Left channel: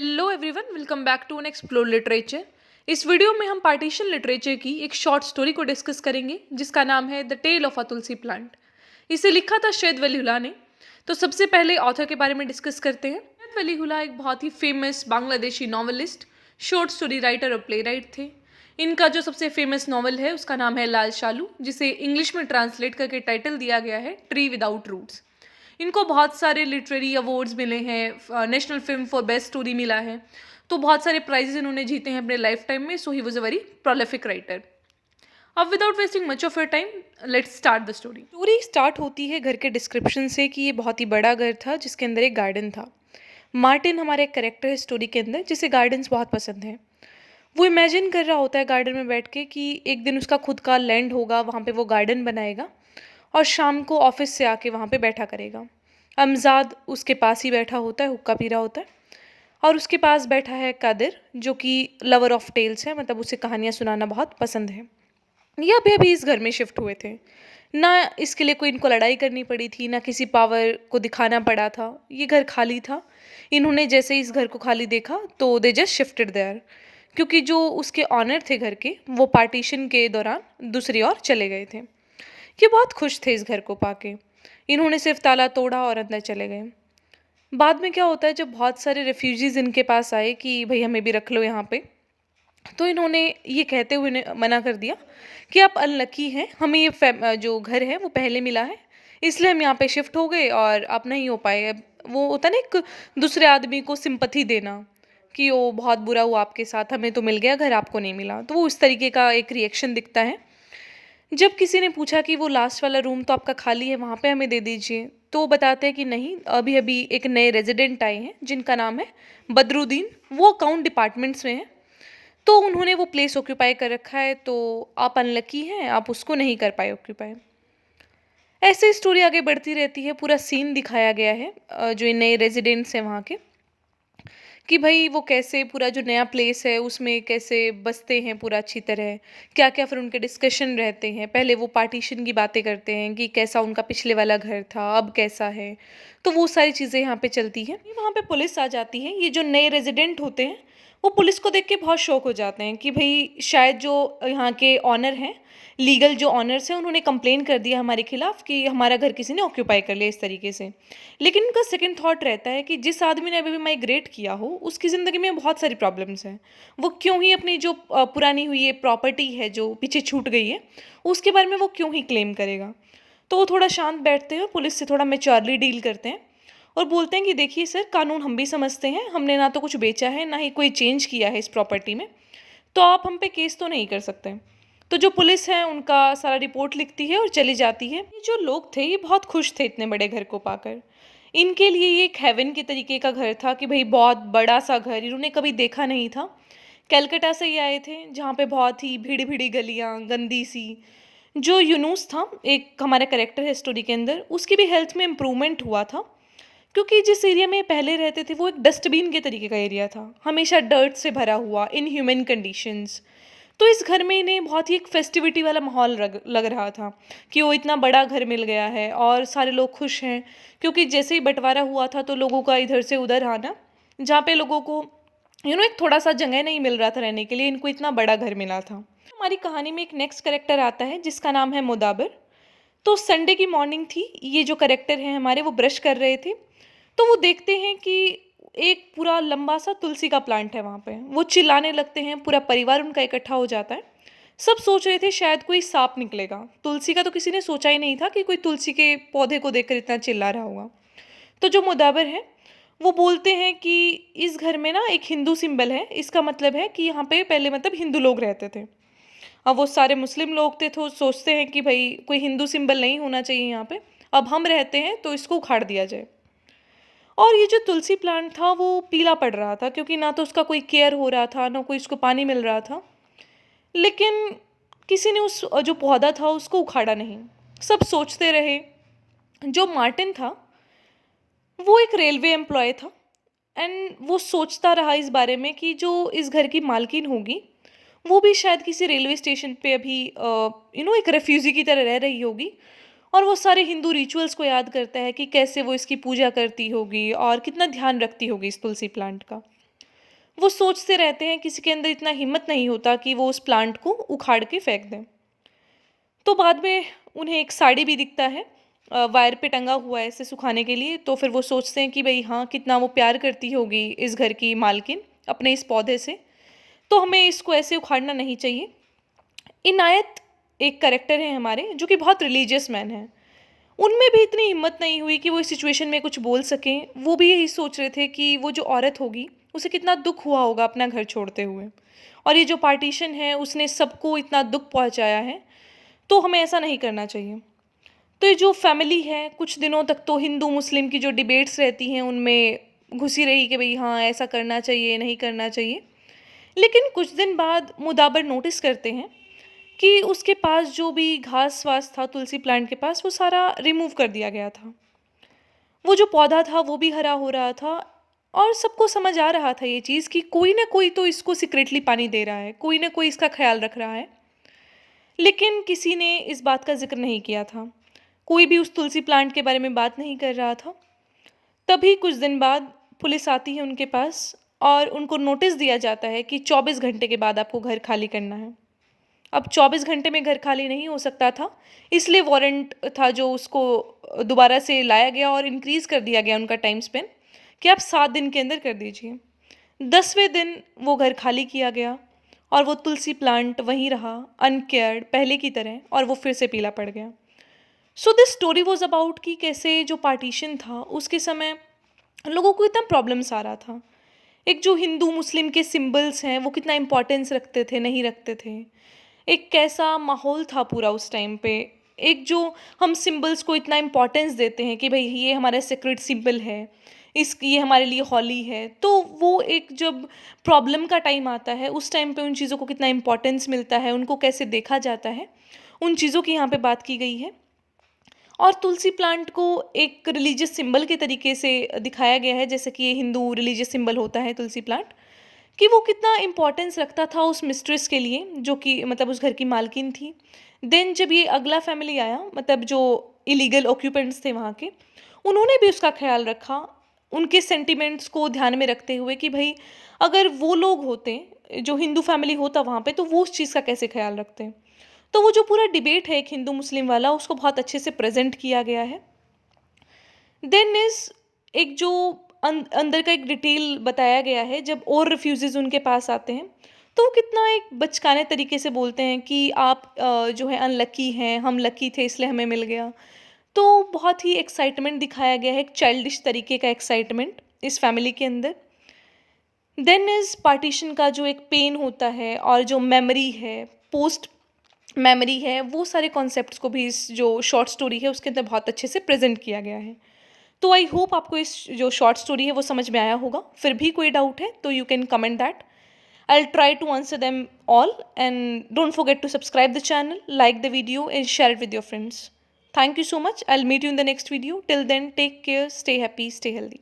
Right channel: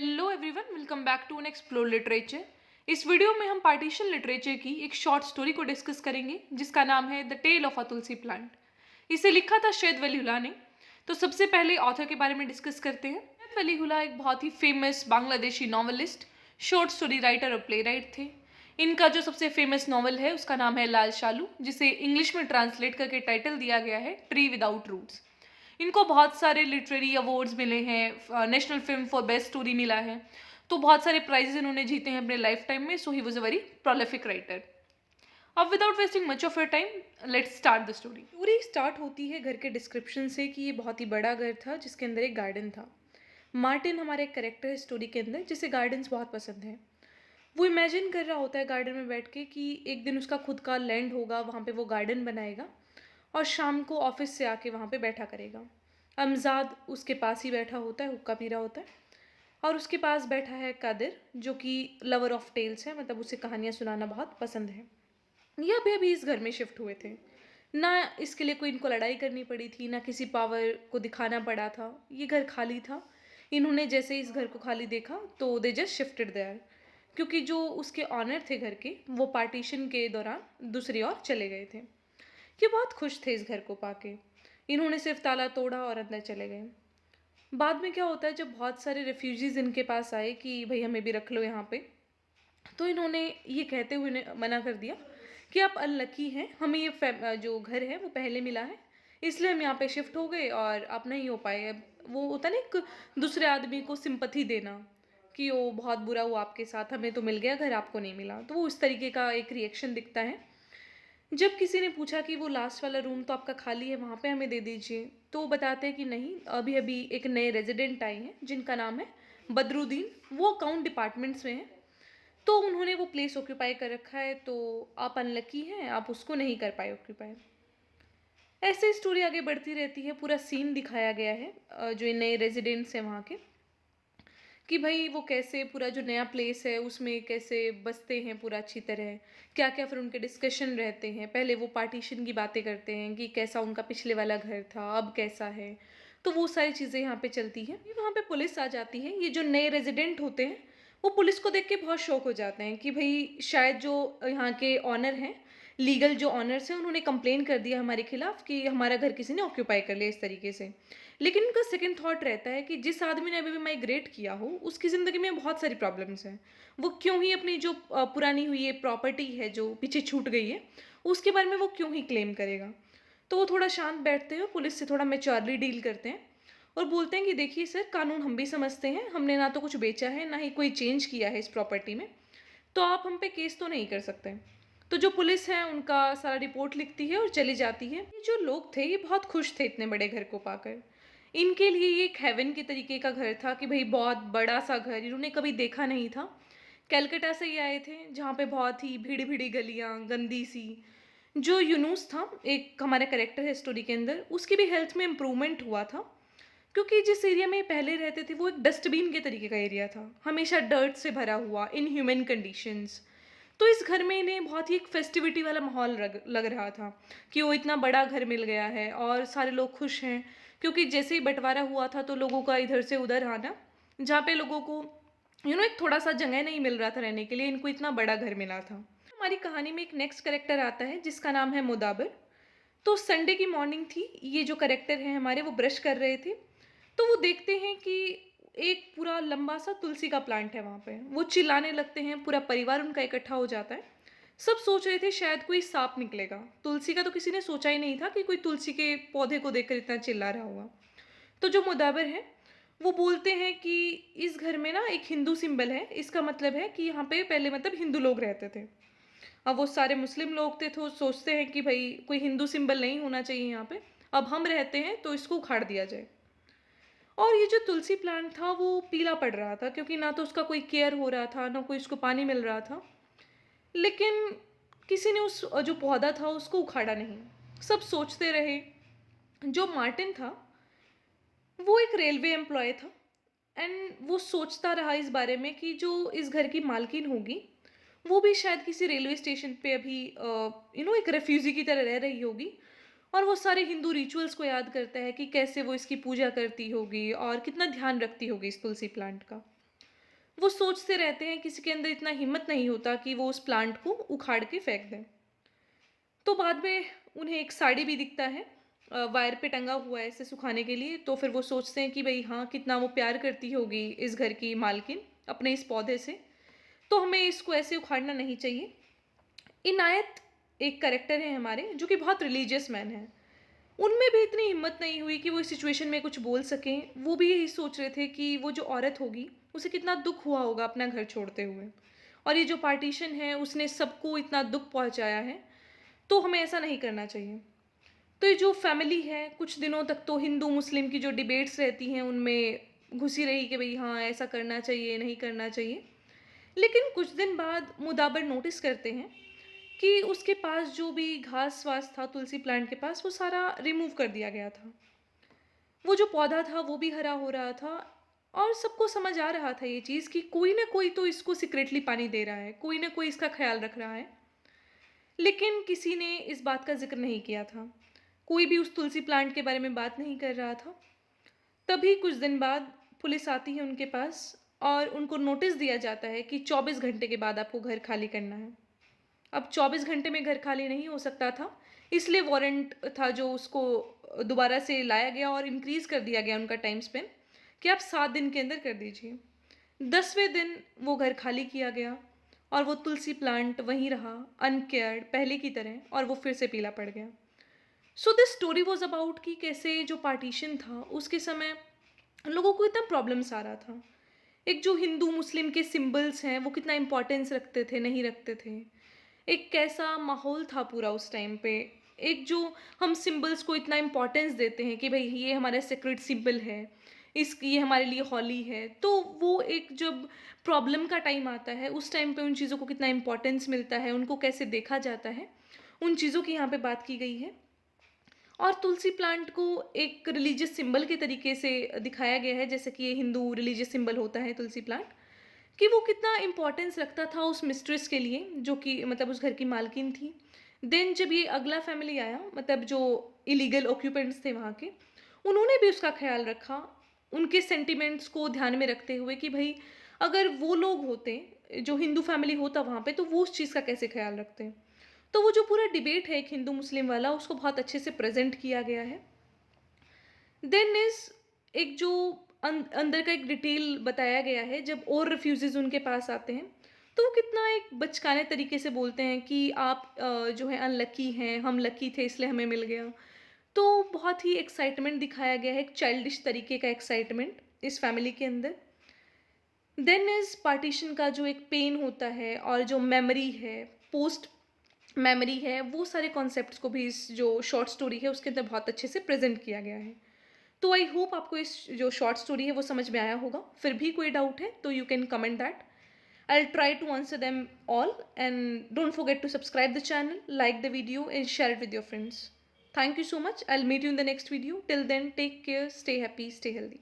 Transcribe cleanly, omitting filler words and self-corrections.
Hello everyone, welcome back to an explore literature. इस वीडियो में हम पार्टीशन लिटरेचर की एक शॉर्ट स्टोरी को डिस्कस करेंगे जिसका नाम है the tale of a tulsi plant. इसे लिखा था शैद वली हुला ने। तो सबसे पहले ऑथर के बारे में डिस्कस करते हैं। शैद वली हुला एक बहुत ही famous Bangladeshi novelist, short story writer और प्ले राइट थे। इनका जो सबसे फेमस नॉवल है उसका नाम है लाल शालू, जिसे इंग्लिश में ट्रांसलेट करके टाइटल दिया गया है ट्री विदाउट रूट्स। इनको बहुत सारे लिटरेरी अवार्ड्स मिले हैं, national film for best story मिला है। तो बहुत सारे प्राइजेस इन्होंने जीते हैं अपने लाइफ टाइम में। So he was a very prolific writer. अब without wasting much of your time, let's start the story. Story start होती है घर के डिस्क्रिप्शन से कि ये बहुत ही बड़ा घर था जिसके अंदर एक गार्डन था। मार्टिन हमारा एक करेक्टर है स्टोरी के अंदर, जिसे गार्डन्स बहुत पसंद हैं। वो इमेजिन कर रहा होता है गार्डन में बैठ के कि एक दिन उसका खुद का लैंड होगा, वहाँ पे वो गार्डन बनाएगा और शाम को ऑफिस से आके वहाँ पे बैठा करेगा। अमजाद उसके पास ही बैठा होता है, हुक्का पी रहा होता है। और उसके पास बैठा है कादिर, जो कि लवर ऑफ टेल्स है, मतलब उसे कहानियाँ सुनाना बहुत पसंद है। ये अभी इस घर में शिफ्ट हुए थे। ना इसके लिए कोई इनको लड़ाई करनी पड़ी थी, ना किसी पावर को दिखाना पड़ा था। ये घर खाली था। इन्होंने जैसे ही इस घर को खाली देखा तो दे जस्ट शिफ्टेड देयर, क्योंकि जो उसके ऑनर थे घर के, वो पार्टीशन के दौरान दूसरी ओर चले गए थे। ये बहुत खुश थे इस घर को पाके। इन्होंने सिर्फ ताला तोड़ा और अंदर चले गए। बाद में क्या होता है, जब बहुत सारे रेफ्यूजीज इनके पास आए कि भाई हमें भी रख लो यहाँ पे, तो इन्होंने ये कहते हुए मना कर दिया कि आप अनलकी हैं, हमें ये जो घर है वो पहले मिला है, इसलिए हम यहाँ पे शिफ्ट हो गए और आप नहीं हो पाए। अब वो होता है ना, एक दूसरे आदमी को सिंपथी देना कि वो बहुत बुरा हुआ आपके साथ, हमें तो मिल गया घर, आपको नहीं मिला। तो वो उस तरीके का एक रिएक्शन दिखता है। जब किसी ने पूछा कि वो लास्ट वाला रूम तो आपका खाली है, वहाँ पे हमें दे दीजिए, तो वो बताते हैं कि नहीं, अभी अभी एक नए रेजिडेंट आए हैं जिनका नाम है बदरुद्दीन। वो अकाउंट डिपार्टमेंट्स में हैं, तो उन्होंने वो प्लेस ऑक्यूपाई कर रखा है, तो आप अनलकी हैं, आप उसको नहीं कर पाए ऑक्यूपाई। ऐसे स्टोरी आगे बढ़ती रहती है। पूरा सीन दिखाया गया है जो ये नए रेजिडेंट्स हैं वहाँ के, कि भाई वो कैसे पूरा जो नया प्लेस है उसमें कैसे बसते हैं पूरा अच्छी तरह, क्या क्या फिर उनके डिस्कशन रहते हैं। पहले वो पार्टीशन की बातें करते हैं कि कैसा उनका पिछले वाला घर था, अब कैसा है। तो वो सारी चीज़ें यहाँ पे चलती हैं। वहाँ पे पुलिस आ जाती है। ये जो नए रेजिडेंट होते हैं वो पुलिस को देख के बहुत शौक हो जाते हैं कि भाई शायद जो यहाँ के ऑनर हैं, लीगल जो ऑनर्स हैं, उन्होंने कंप्लेन कर दिया हमारे खिलाफ कि हमारा घर किसी ने ऑक्यूपाई कर लिया इस तरीके से। लेकिन उनका सेकंड थॉट रहता है कि जिस आदमी ने अभी भी माइग्रेट किया हो उसकी ज़िंदगी में बहुत सारी प्रॉब्लम्स हैं, वो क्यों ही अपनी जो पुरानी हुई ये प्रॉपर्टी है जो पीछे छूट गई है, उसके बारे में वो क्यों ही क्लेम करेगा। तो वो थोड़ा शांत बैठते हैं और पुलिस से थोड़ा मेच्योरली डील करते हैं और बोलते हैं कि देखिए सर, कानून हम भी समझते हैं, हमने ना तो कुछ बेचा है ना ही कोई चेंज किया है इस प्रॉपर्टी में, तो आप हम पे केस तो नहीं कर सकते। तो जो पुलिस है उनका सारा रिपोर्ट लिखती है और चली जाती है। ये जो लोग थे ये बहुत खुश थे इतने बड़े घर को पाकर। इनके लिए ये एक हेवन के तरीके का घर था कि भाई बहुत बड़ा सा घर इन्होंने कभी देखा नहीं था। कलकत्ता से ये आए थे जहाँ पे बहुत ही भीड़ी भीड़ी गलियाँ, गंदी सी। जो यूनुस था, एक हमारा करेक्टर है स्टोरी के अंदर, उसकी भी हेल्थ में इम्प्रूवमेंट हुआ था, क्योंकि जिस एरिया में पहले रहते थे वो एक डस्टबिन के तरीके का एरिया था, हमेशा डर्ट से भरा हुआ, इन ह्यूमन कंडीशंस। तो इस घर में इन्हें बहुत ही एक फेस्टिविटी वाला माहौल लग रहा था कि वो इतना बड़ा घर मिल गया है और सारे लोग खुश हैं। क्योंकि जैसे ही बंटवारा हुआ था तो लोगों का इधर से उधर आना, जहाँ पे लोगों को एक थोड़ा सा जगह नहीं मिल रहा था रहने के लिए, इनको इतना बड़ा घर मिला था। हमारी कहानी में एक नेक्स्ट करेक्टर आता है जिसका नाम है मुदाबिर। तो संडे की मॉर्निंग थी, ये जो करेक्टर हैं हमारे वो ब्रश कर रहे थे, तो वो देखते हैं कि एक पूरा लंबा सा तुलसी का प्लांट है वहाँ पे। वो चिल्लाने लगते हैं, पूरा परिवार उनका इकट्ठा हो जाता है। सब सोच रहे थे शायद कोई सांप निकलेगा, तुलसी का तो किसी ने सोचा ही नहीं था कि कोई तुलसी के पौधे को देखकर इतना चिल्ला रहा होगा। तो जो मुदाबिर है वो बोलते हैं कि इस घर में ना एक हिंदू सिंबल है, इसका मतलब है कि यहाँ पे पहले मतलब हिंदू लोग रहते थे। अब वो सारे मुस्लिम लोग थे तो सोचते हैं कि भाई कोई हिंदू सिंबल नहीं होना चाहिए यहाँ पे, अब हम रहते हैं तो इसको उखाड़ दिया जाए। और ये जो तुलसी प्लांट था वो पीला पड़ रहा था, क्योंकि ना तो उसका कोई केयर हो रहा था, ना कोई उसको पानी मिल रहा था। लेकिन किसी ने उस जो पौधा था उसको उखाड़ा नहीं। सब सोचते रहे। जो मार्टिन था वो एक रेलवे एम्प्लॉय था, एंड वो सोचता रहा इस बारे में कि जो इस घर की मालकिन होगी वो भी शायद किसी रेलवे स्टेशन पे अभी एक रेफ्यूजी की तरह रह रही होगी, और वो सारे हिंदू रिचुअल्स को याद करता है कि कैसे वो इसकी पूजा करती होगी और कितना ध्यान रखती होगी इस तुलसी प्लांट का। वो सोचते रहते हैं, किसी के अंदर इतना हिम्मत नहीं होता कि वो उस प्लांट को उखाड़ के फेंक दें। तो बाद में उन्हें एक साड़ी भी दिखता है, वायर पे टंगा हुआ है इसे सुखाने के लिए। तो फिर वो सोचते हैं कि भई हाँ, कितना वो प्यार करती होगी इस घर की मालकिन अपने इस पौधे से, तो हमें इसको ऐसे उखाड़ना नहीं चाहिए। इनायत एक कैरेक्टर है हमारे, जो कि बहुत रिलीजियस मैन हैं। उनमें भी इतनी हिम्मत नहीं हुई कि वो इस सिचुएशन में कुछ बोल सकें। वो भी यही सोच रहे थे कि वो जो औरत होगी, उसे कितना दुःख हुआ होगा अपना घर छोड़ते हुए, और ये जो पार्टीशन है उसने सबको इतना दुःख पहुँचाया है, तो हमें ऐसा नहीं करना चाहिए। तो ये जो फैमिली है, कुछ दिनों तक तो हिंदू मुस्लिम की जो डिबेट्स रहती हैं उनमें घुसी रही कि भई हाँ, ऐसा करना चाहिए, नहीं करना चाहिए। लेकिन कुछ दिन बाद मुदाबर नोटिस करते हैं कि उसके पास जो भी घास-वास था तुलसी प्लांट के पास, वो सारा रिमूव कर दिया गया था। वो जो पौधा था वो भी हरा हो रहा था, और सबको समझ आ रहा था ये चीज़ कि कोई न कोई तो इसको सीक्रेटली पानी दे रहा है, कोई न कोई इसका ख़्याल रख रहा है। लेकिन किसी ने इस बात का ज़िक्र नहीं किया था। कोई भी उस तुलसी प्लांट के बारे में बात नहीं कर रहा था। तभी कुछ दिन बाद पुलिस आती है उनके पास, और उनको नोटिस दिया जाता है कि 24 घंटे के बाद आपको घर खाली करना है। अब 24 घंटे में घर खाली नहीं हो सकता था, इसलिए वारंट था जो उसको दोबारा से लाया गया और इंक्रीज़ कर दिया गया उनका टाइम स्पेन, कि आप 7 दिन के अंदर कर दीजिए। 10वें दिन वो घर खाली किया गया, और वो तुलसी प्लांट वहीं रहा अनकेयर्ड पहले की तरह, और वो फिर से पीला पड़ गया। So this story was about कि कैसे जो पार्टीशन था उसके समय लोगों को इतना प्रॉब्लम्स आ रहा था। एक जो हिंदू मुस्लिम के सिंबल्स हैं वो कितना इम्पोर्टेंस रखते थे, नहीं रखते थे। एक कैसा माहौल था पूरा उस टाइम पे। एक जो हम सिंबल्स को इतना इम्पोर्टेंस देते हैं कि भई ये हमारा सेक्रेड सिंबल है, ये हमारे लिए हॉली है। तो वो एक जब प्रॉब्लम का टाइम आता है, उस टाइम पे उन चीज़ों को कितना इम्पोर्टेंस मिलता है, उनको कैसे देखा जाता है, उन चीज़ों की यहाँ पे बात की गई है। और तुलसी प्लांट को एक रिलीजियस सिंबल के तरीके से दिखाया गया है, जैसे कि ये हिंदू रिलीजियस सिंबल होता है तुलसी प्लांट, कि वो कितना इम्पोर्टेंस रखता था उस मिस्ट्रेस के लिए, जो कि मतलब उस घर की मालकिन थी। देन जब ये अगला फैमिली आया, मतलब जो इलीगल ऑक्यूपेंट्स थे वहाँ के, उन्होंने भी उसका ख़्याल रखा, उनके सेंटिमेंट्स को ध्यान में रखते हुए कि भई अगर वो लोग होते, जो हिंदू फैमिली होता वहाँ पे, तो वो उस चीज़ का कैसे ख़्याल रखते। तो वो जो पूरा डिबेट है एक हिंदू मुस्लिम वाला, उसको बहुत अच्छे से प्रेज़ेंट किया गया है। देन इज़ एक जो अंदर का एक डिटेल बताया गया है, जब और रिफ्यूज़ीज़ उनके पास आते हैं, तो वो कितना एक बचकाने तरीके से बोलते हैं कि आप जो है अनलकी हैं, हम लकी थे इसलिए हमें मिल गया। तो बहुत ही एक्साइटमेंट दिखाया गया है, एक चाइल्डिश तरीके का एक्साइटमेंट इस फैमिली के अंदर। देन इज़ पार्टीशन का जो एक पेन होता है, और जो मेमोरी है, पोस्ट मेमोरी है, वो सारे कॉन्सेप्ट्स को भी इस जो शॉर्ट स्टोरी है उसके अंदर बहुत अच्छे से प्रेज़ेंट किया गया है। तो आई होप आपको इस जो शॉर्ट स्टोरी है वो समझ में आया होगा। फिर भी कोई डाउट है तो you can comment that. I'll try to answer them all, and don't forget to subscribe the channel, like the video and share it with your friends. Thank you so much. I'll meet you in the next video. Till then, take care, stay happy, stay healthy.